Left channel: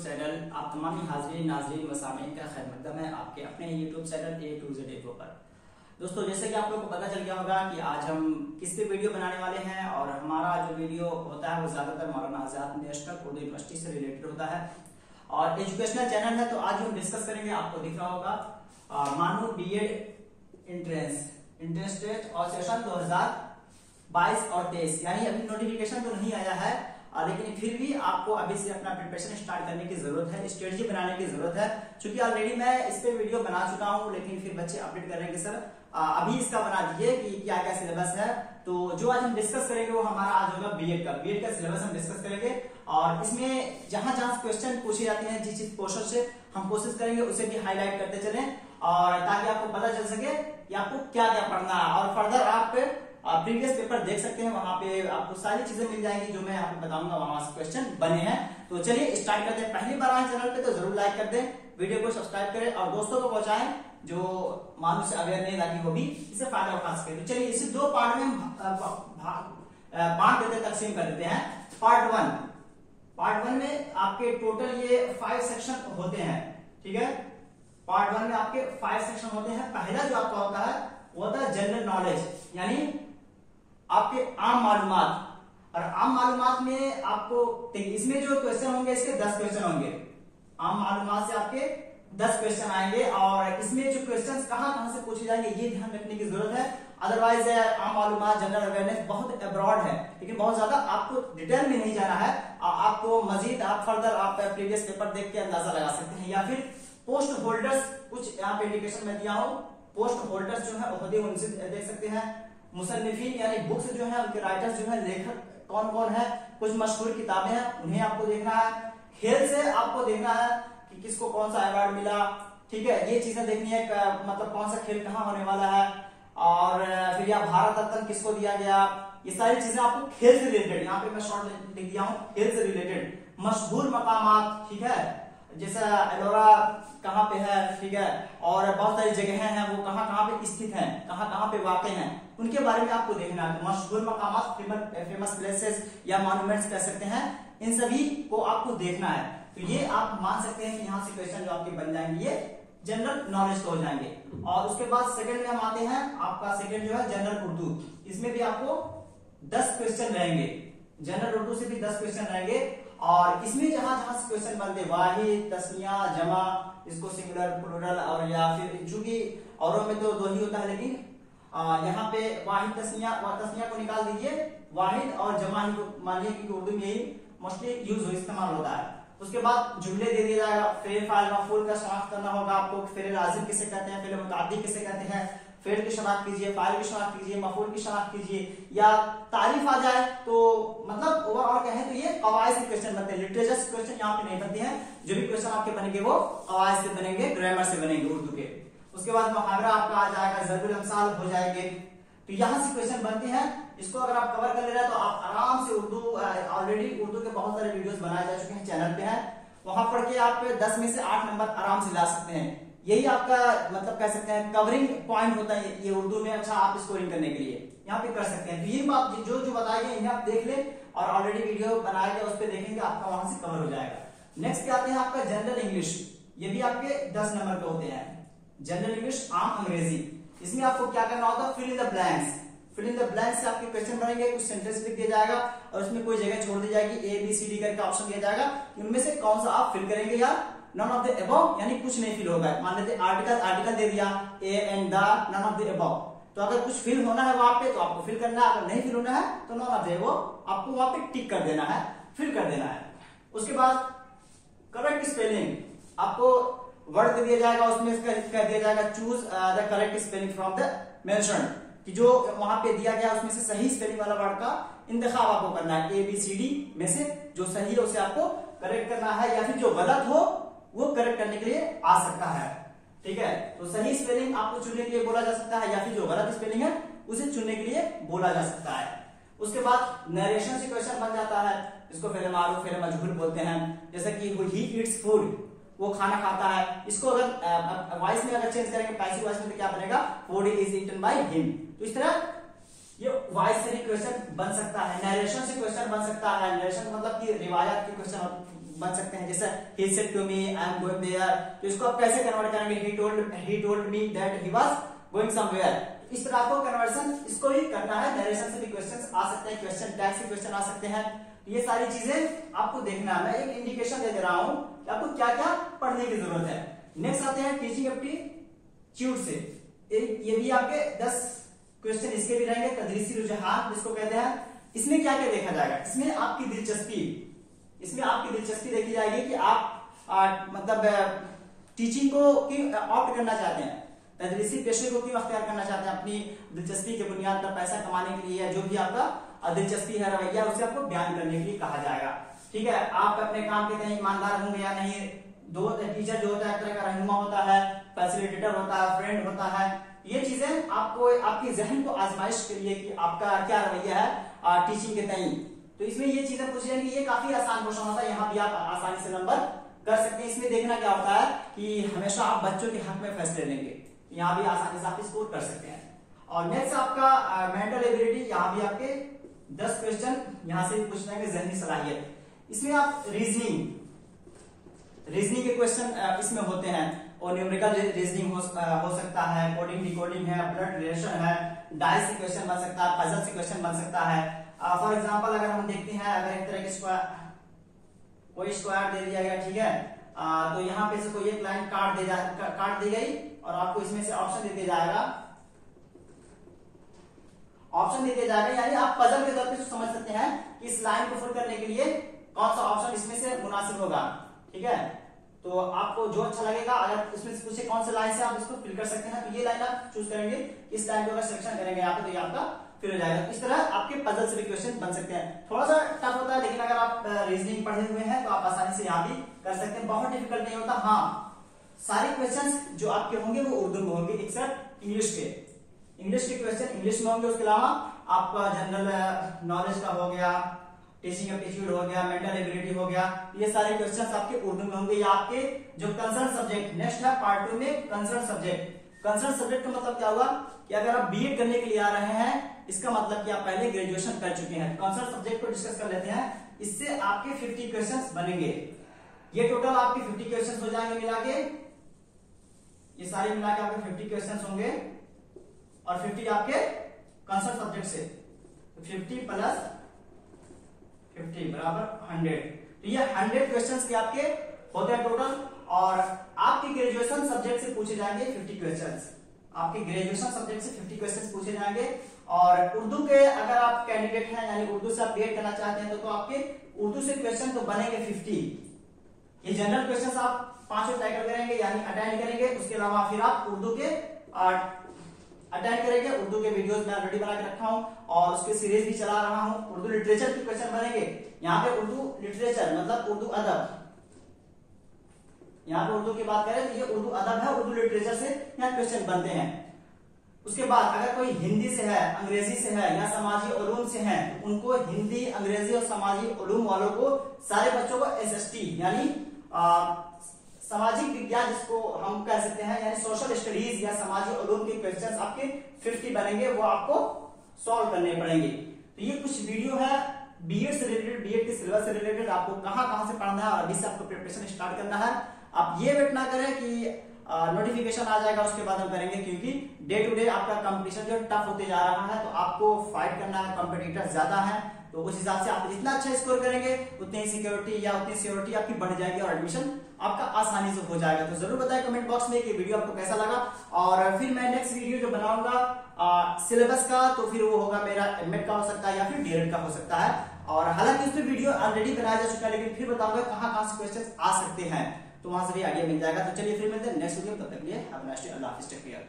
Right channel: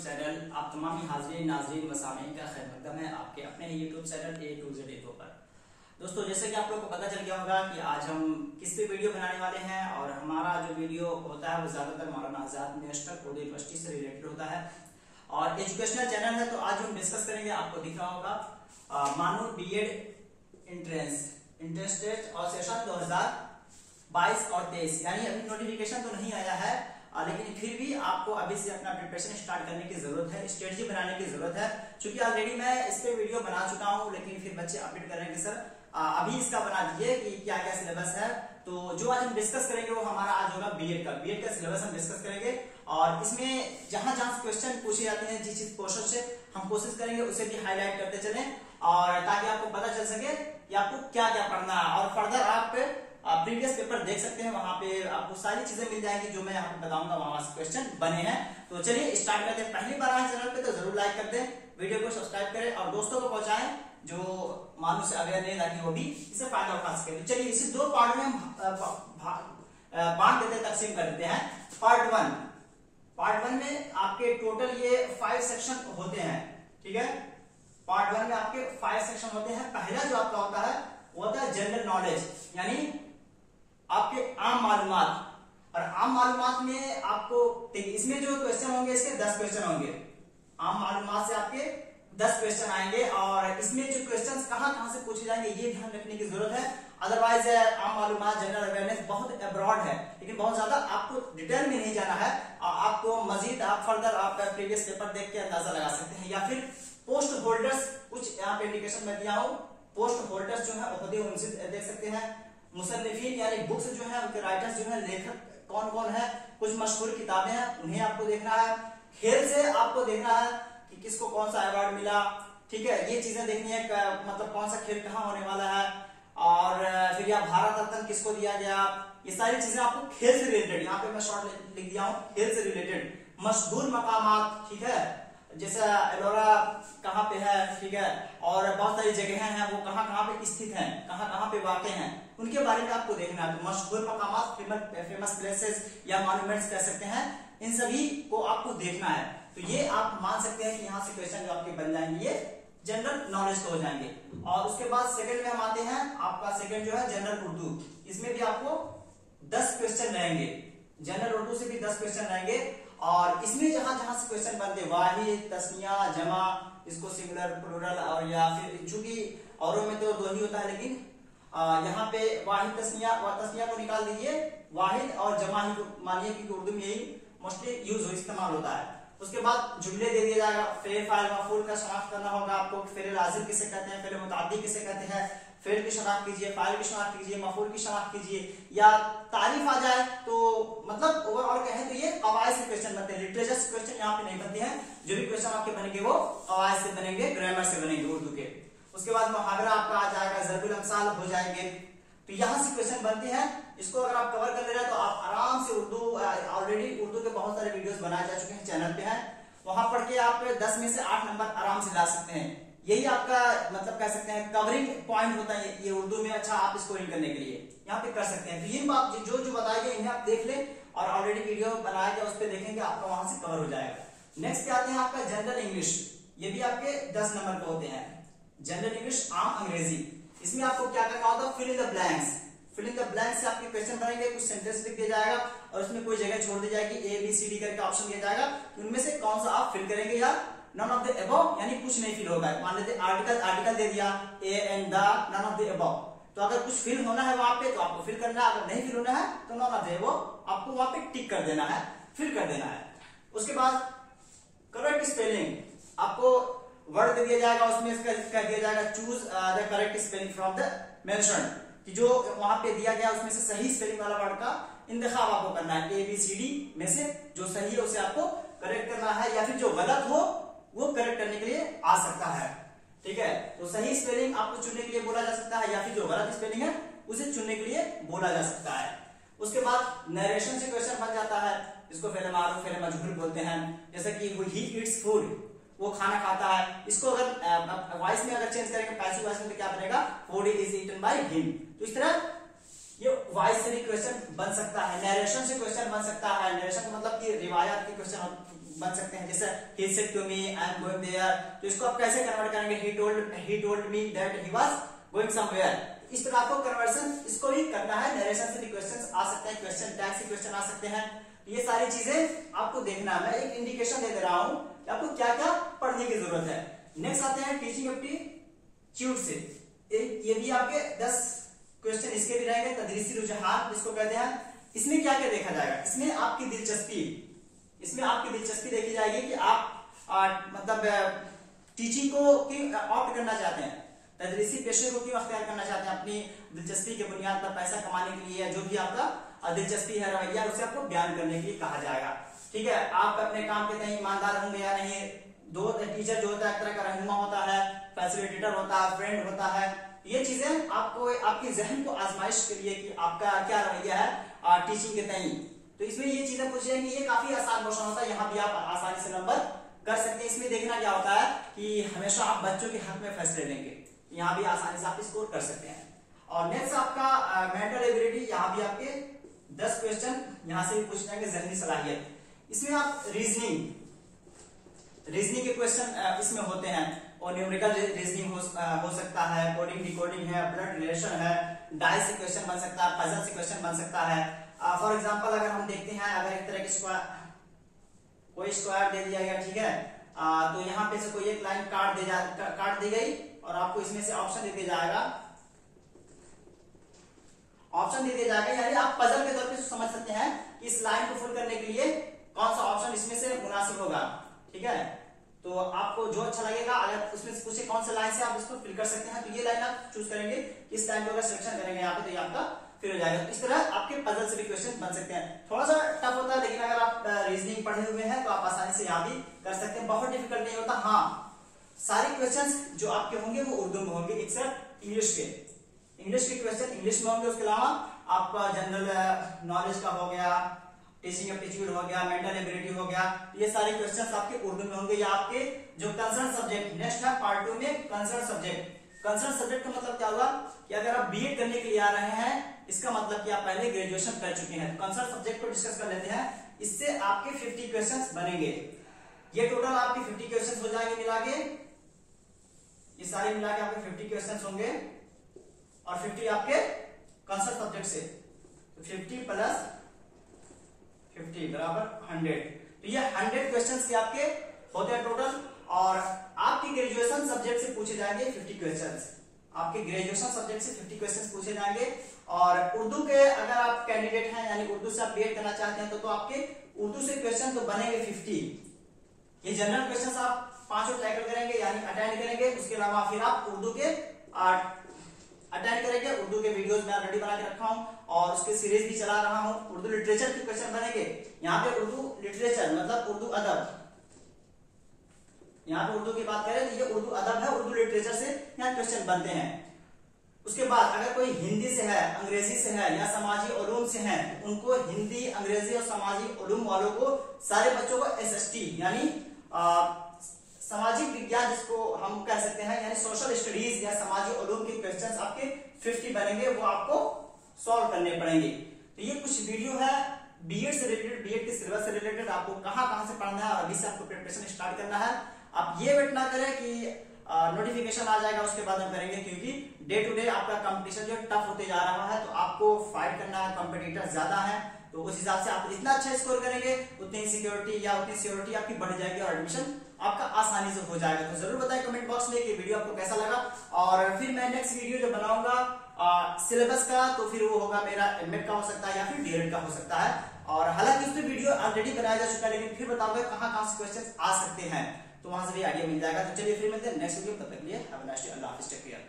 Channel आप तमाम हाज़रीन नाज़रीन व सामीन का खैर मकदम है आपके अपने YouTube channel A to Z Info पर। दोस्तों, जैसे कि आप लोगों को पता चल गया होगा कि आज हम किस पे वीडियो बनाने वाले हैं और हमारा जो वीडियो होता है वो ज्यादातर मौलाना आजाद नेशनल उर्दू यूनिवर्सिटी से रिलेटेड होता है और एजुकेशनल चैनल है। तो आज हम डिस्कस करेंगे, आपको दिख रहा होगा मानू B.Ed एंट्रेंस टेस्ट और सेशन 2022 और 23, यानी अभी नोटिफिकेशन तो नहीं आया है लेकिन फिर भी आपको अभी से अपना प्रिपरेशन स्टार्ट करने की जरूरत है, स्ट्रेटजी बनाने की जरूरत है। क्योंकि ऑलरेडी मैं इस पे वीडियो बना चुका हूं, लेकिन फिर बच्चे अपडेट कर रहे हैं कि सर अभी इसका बना दीजिए कि क्या क्या सिलेबस है। तो जो आज हम डिस्कस करेंगे वो हमारा आज होगा B.Ed का सिलेबस हम डिस्कस करेंगे और इसमें जहां जहां क्वेश्चन पूछे जाते हैं, जिस चीज पोर्शन से हम कोशिश करेंगे उसे भी हाईलाइट करते चलें और ताकि आपको पता चल सके कि आपको क्या क्या पढ़ना है। और फर्दर आप प्रीवियस पेपर देख सकते हैं, वहां पे आपको सारी चीजें मिल जाएंगी जो मैं यहाँ पे बताऊंगा, वहां से क्वेश्चन बने हैं। तो चलिए स्टार्ट करते हैं। पहली बार आए चैनल पे तो जरूर लाइक कर दें, वीडियो को सब्सक्राइब करें और दोस्तों को पहुंचाएं जो मालूम से अवेयर नहीं, ताकि वो भी इसे फायदा उठा सके। तो चलिए इसे दो पार्ट में हम बांट देते हैं, तकसीम कर देते हैं। पार्ट वन में आपके टोटल ये 5 सेक्शन होते हैं, ठीक है। पार्ट वन में आपके 5 सेक्शन होते हैं। पहला जो आपका होता है वो होता है जनरल नॉलेज, यानी आपके आम मालूमात। और आम मालूमात में आपको देखिए, इसमें जो क्वेश्चन होंगे इसके 10 क्वेश्चन होंगे। आम मालूमात से आपके 10 क्वेश्चन आएंगे और इसमें जो क्वेश्चन कहां से पूछे जाएंगे ये ध्यान रखने की जरूरत है। अदरवाइज आम मालूमात जनरल अवेयरनेस बहुत अब्रॉड है, लेकिन बहुत ज्यादा आपको डिटेल में नहीं जाना है। आपको मजीद आप फर्दर आप प्रीवियस पेपर देख के अंदाजा लगा सकते हैं, या फिर पोस्ट होल्डर्स कुछ यहाँ पे इंडिकेशन में दिया हो, पोस्ट होल्डर्स जो है ओहदे उनसे देख सकते हैं। मुसन्निफीन यानी बुक्स जो है, उनके राइटर्स जो है, लेखक कौन कौन है, कुछ मशहूर किताबें हैं उन्हें आपको देखना है। खेल से आपको देखना है कि किसको कौन सा अवार्ड मिला, ठीक है, ये चीजें देखनी है। मतलब कौन सा खेल कहाँ होने वाला है और फिर या भारत रत्न किसको दिया गया, ये सारी चीजें आपको खेल से रिलेटेड, यहाँ पे मैं शॉर्ट लिख दिया हूँ, खेल से रिलेटेड। मशहूर मकामात, ठीक है, जैसा एलोरा कहाँ पे है, ठीक है, और बहुत सारी जगहें हैं वो कहाँ कहाँ पे स्थित हैं, कहाँ कहाँ पे वाक़ हैं, उनके बारे में आपको देखना है। तो मशहूर मकामात, फेमस प्लेसेस या मॉन्यूमेंट्स कह सकते हैं, इन सभी को आपको देखना है। तो ये आप मान सकते हैं कि यहाँ से क्वेश्चन जो आपके बन जाएंगे ये जनरल नॉलेज के हो जाएंगे। और उसके बाद सेकंड में हम आते हैं, आपका सेकंड जो है जनरल उर्दू। इसमें भी आपको 10 क्वेश्चन रहेंगे, जनरल उर्दू से भी 10 क्वेश्चन रहेंगे। और इसमें जहां जहां से क्वेश्चन बनते, वाहिद, तस्निया, जमा, इसको सिंगुलर, प्लूरल, और या फिर चूंकि औरों में तो 2 ही होता है, लेकिन यहाँ पे वाहिद तस्निया को निकाल दीजिए, वाहिद और जमा ही मानिए, क्योंकि उर्दू में यही मोस्टली इस्तेमाल होता है। उसके बाद जुमले दे दिया जाएगा, फेल फाइल मफूल का शनाख्त करना होगा आपको, फेल लाजिम किसे कहते हैं, फेल मुताद्दी किसे कहते हैं, फेल की शनाख्त कीजिए, फाइल की शनाख्त कीजिए, मफूल की शनाख्त कीजिए, या तारीफ आ जाए तो मतलब ओवरऑल कहें तो ये कवायद से क्वेश्चन बनते हैं। लिटरेचर से क्वेश्चन यहाँ पे नहीं बनते हैं, जो भी क्वेश्चन आपके बनेंगे वो कवायद से बनेंगे, ग्रामर से बनेंगे उर्दू के। उसके बाद मुहावरा आपका आ जाएगा, ज़रबुल अमसाल हो जाएंगे। तो यहाँ से क्वेश्चन बनते हैं। इसको अगर आप कवर कर ले रहे हैं तो आप आराम से उर्दू, ऑलरेडी उर्दू के बहुत सारे वीडियोस बनाए जा चुके हैं, चैनल पे हैं, वहां पढ़ के आप 10 में से 8 नंबर आराम से ला सकते हैं। यही आपका मतलब कह सकते हैं कवरिंग पॉइंट होता है ये उर्दू में। अच्छा, आप स्कोरिंग करने के लिए यहाँ पे कर सकते हैं। तो ये बात जो बताई गई इन्हें आप देख लें और ऑलरेडी वीडियो बनाया गया उस पर देखेंगे, आपका वहां से कवर हो जाएगा। नेक्स्ट पे आते हैं आपका जनरल इंग्लिश। ये भी आपके 10 नंबर के होते हैं। जनरल इंग्लिश, आम अंग्रेजी। इसमें आपको क्या करना होता है, fill in the blanks. Fill in the blanks से आपके क्वेश्चन बनेंगे, कुछ सेंटेंस लिख दिया जाएगा और उसमें कोई जगह छोड़ दी जाएगी, ABCD करके ऑप्शन दिया जाएगा, उनमें से कौन सा आप फिल करेंगे। या नन ऑफ द अबव, यानी कुछ नहीं फिल होगा। मान लेते आर्टिकल दे दिया, a and the, none of the above. तो अगर कुछ फिल होना है वहां पे तो आपको फिल करना है, अगर नहीं फिल होना है तो नन ऑफ द अबव आपको वहां पे टिक कर देना है, फिल कर देना है। उसके बाद करेक्ट स्पेलिंग, आपको वर्ड दे दिया जाएगा, उसमें कह दिया जाएगा choose the correct spelling from the mention, कि जो वहां पे दिया गया उसमें से सही स्पेलिंग वाला वर्ड का इंतखाब आपको करना है। ABCD में से जो सही है उसे आपको करेक्ट करना है, या फिर जो गलत हो वो करेक्ट करने के लिए आ सकता है, ठीक है। तो सही स्पेलिंग आपको चुनने के लिए बोला जा सकता है, या फिर जो गलत स्पेलिंग है उसे चुनने के लिए बोला जा सकता है। उसके बाद नरेशन से क्वेश्चन बन जाता है, इसको फेल मारूफ, फेल मजहूल बोलते हैं। जैसे कि ही ईट्स फूड, वो खाना खाता है। इसको अगर वॉइस में अगर चेंज करेंगे, पैसिव वॉइस में, तो क्या बनेगा, food is eaten by him. तो इस तरह ये वॉइस से भी क्वेश्चन बन सकता है। नरेशन से क्वेश्चन बन सकता है। नरेशन का मतलब कि रिवायत के क्वेश्चन बन सकते हैं, जैसे he said to me I am going there, तो इसको आप कैसे कन्वर्ट करेंगे, he told me that he was going somewhere। इस तरह आपको कन्वर्सन इसको भी करना है। नरेशन से भी क्वेश्चन आ सकते हैं, क्वेश्चन टैग से क्वेश्चन आ सकते हैं। ये सारी चीजें आपको देखना है। मैं एक इंडिकेशन दे रहा हूं कि आपको क्या क्या पढ़ने की जरूरत है। नेक्स्ट आते हैं टीचिंग एप्टीट्यूड से। ये भी आपके 10 क्वेश्चन इसके भी रहेंगे। तदरीसी रुझान जिसको कहते हैं, इसमें क्या क्या देखा जाएगा, इसमें आपकी दिलचस्पी देखी जाएगी कि आप मतलब टीचिंग को क्यों ऑप्ट करना चाहते हैं, तदरीसी पेशे को क्यों अख्तियार करना चाहते हैं, अपनी दिलचस्पी के बुनियाद पर पैसा कमाने के लिए, जो भी आपका दिलचस्पी है, रवैया, उसे आपको बयान करने के लिए कहा जाएगा। ठीक है, आप अपने काम के तय ईमानदार होंगे या नहीं। दो टीचर जो होता है एक तरह का रहनुमा होता है, फैसिलिटेटर होता है, फ्रेंड होता है। ये चीजें आपको आपके जहन को आजमाइश के लिए कि आपका क्या रवैया है टीचिंग के तय। तो इसमें ये चीजें पूछी जाएंगी। ये काफी आसान क्वेश्चन होता है, यहाँ भी आप आसानी से नंबर कर सकते हैं। इसमें देखना क्या होता है कि हमेशा आप बच्चों के हक में फैसले लेंगे, यहाँ भी आसानी से आप स्कोर कर सकते हैं। और नेक्स्ट आपका मेंटल एबिलिटी, यहाँ भी आपके 10 क्वेश्चन यहाँ से भी पूछ जाएंगे। जहनी सलाहियत, इसमें आप रीजनिंग के क्वेश्चन इसमें होते हैं, और न्यूमेरिकल रीजनिंग हो सकता है, कोडिंग डिकोडिंग है, ब्लड रिलेशन है, डाइस से क्वेश्चन बन सकता है, पजल से क्वेश्चन बन सकता है। फॉर एग्जांपल अगर हम देखते हैं, अगर एक तरह की कोई स्क्वायर दे दिया गया, ठीक है, तो यहाँ पे से कोई एक लाइन काट दी गई और आपको इसमें से ऑप्शन दे दिया जाएगा, यानी आप पजल के तौर पे समझ सकते हैं कि इस लाइन को फिल करने के लिए कौन सा ऑप्शन इसमें से मुनासिब होगा। ठीक है, तो आपको जो अच्छा लगेगा, अगर इसमें से पूछे कौन से लाइन से आप इसको फिल कर सकते हैं, तो ये लाइन आप चूज करेंगे। इस लाइन को अगर सिलेक्शन करेंगे यहाँ पे, तो ये आपका फिल हो जाएगा। इस तरह आपके पजल से भी क्वेश्चन बन सकते हैं। थोड़ा सा टफ होता है, लेकिन अगर आप रीजनिंग पढ़े हुए हैं तो आप आसानी से यहाँ भी कर सकते हैं। बहुत डिफिकल्ट नहीं होता। हाँ, सारे क्वेश्चंस जो आपके होंगे वो उर्दू में होंगे, एक्सेप्ट इंग्लिश के क्वेश्चन इंग्लिश में होंगे। उसके अलावा आपका जनरल नॉलेज का हो गया, टीचिंग एप्टीट्यूड हो गया, मेंटल एबिलिटी हो गया, ये सारे क्वेश्चंस आपके उर्दू में होंगे। या आपके जो कंसर्न सब्जेक्ट, नेक्स्ट है पार्ट 2 में कंसर्न सब्जेक्ट का मतलब क्या होगा कि अगर आप बीएड करने के लिए आ रहे हैं, इसका मतलब कि आप पहले ग्रेजुएशन कर चुके हैं। कंसर्न सब्जेक्ट को डिस्कस कर लेते हैं। इससे आपके 50 क्वेश्चंस बनेंगे। ये टोटल आपके 50 क्वेश्चंस हो जाएंगे मिला के, ये सारे मिला के आपके 50 क्वेश्चंस होंगे, और 50 आपके कंसर्न सब्जेक्ट से, तो 50 प्लस 50 बराबर 100। तो ये 100 क्वेश्चंस के आपके होते हैं टोटल। और आपके ग्रेजुएशन सब्जेक्ट से पूछे जाएंगे 50 क्वेश्चंस, आपके ग्रेजुएशन सब्जेक्ट से 50 क्वेश्चंस पूछे जाएंगे। और उर्दू के अगर आप कैंडिडेट हैं, यानी उर्दू से आप बीएड करना चाहते हैं, तो आपके उर्दू से क्वेश्चन तो बनेंगे 50। ये जनरल क्वेश्चंस आप 5 टैकल करेंगे, यानी अटेंड करेंगे। उसके अलावा फिर आप उर्दू के अटेंड करेंगे। उर्दू के वीडियोस मैं ऑलरेडी बना के रखा हूं, और उसके सीरीज भी चला रहा हूं। उर्दू लिटरेचर के क्वेश्चन बनेंगे। यहाँ पे उर्दू लिटरेचर मतलब उर्दू अदब, यहाँ पे उर्दू की बात करें तो ये उर्दू अदब है, उर्दू लिटरेचर से यहाँ क्वेश्चन बनते हैं। उसके बाद अगर कोई हिंदी से है, अंग्रेजी से है, या समाजी उलूम से है, तो उनको हिंदी, अंग्रेजी और समाजी उलूम वालों को, सारे बच्चों को एसएसटी यानी सामाजिक विज्ञान जिसको हम कह सकते हैं, यानी सोशल स्टडीज या समाजी उलूम के क्वेश्चंस आपके 50 बनेंगे, वो आपको सॉल्व करने पड़ेंगे। तो ये कुछ वीडियो है बीएड से रिलेटेड, बीएड के सिलेबस से रिलेटेड, आपको कहां से पढ़ना है और अभी से आपको प्रिपरेशन स्टार्ट करना है। आप ये वेट ना करें कि नोटिफिकेशन आ जाएगा उसके बाद हम करेंगे, क्योंकि डे टू डे आपका कंपटीशन जो टफ होते जा रहा है, तो आपको फाइट करना है, कॉम्पिटिटर ज्यादा है, तो उस हिसाब से आप जितना अच्छा स्कोर करेंगे उतनी सिक्योरिटी या उतनी सिक्योरिटी आपकी बढ़ जाएगी और एडमिशन आपका आसानी से हो जाएगा। तो जरूर बताएं कमेंट बॉक्स में कि वीडियो आपको कैसा लगा, और फिर मैं नेक्स्ट वीडियो जो बनाऊंगा सिलेबस का, तो फिर वो होगा मेरा एमएड का हो सकता है या फिर डीएड का हो सकता है। और हालांकि उस पर वीडियो ऑलरेडी बनाया जा चुका है, लेकिन फिर बताऊंगा कहां से क्वेश्चन आ सकते हैं, तो वहां से भी आइडिया मिल जाएगा। तो चलिए फिर मिलते हैं नेक्स्ट वीडियो, तब तक के लिए हैव अ नाइस डे, अल्लाह हाफिज़, टेक केयर।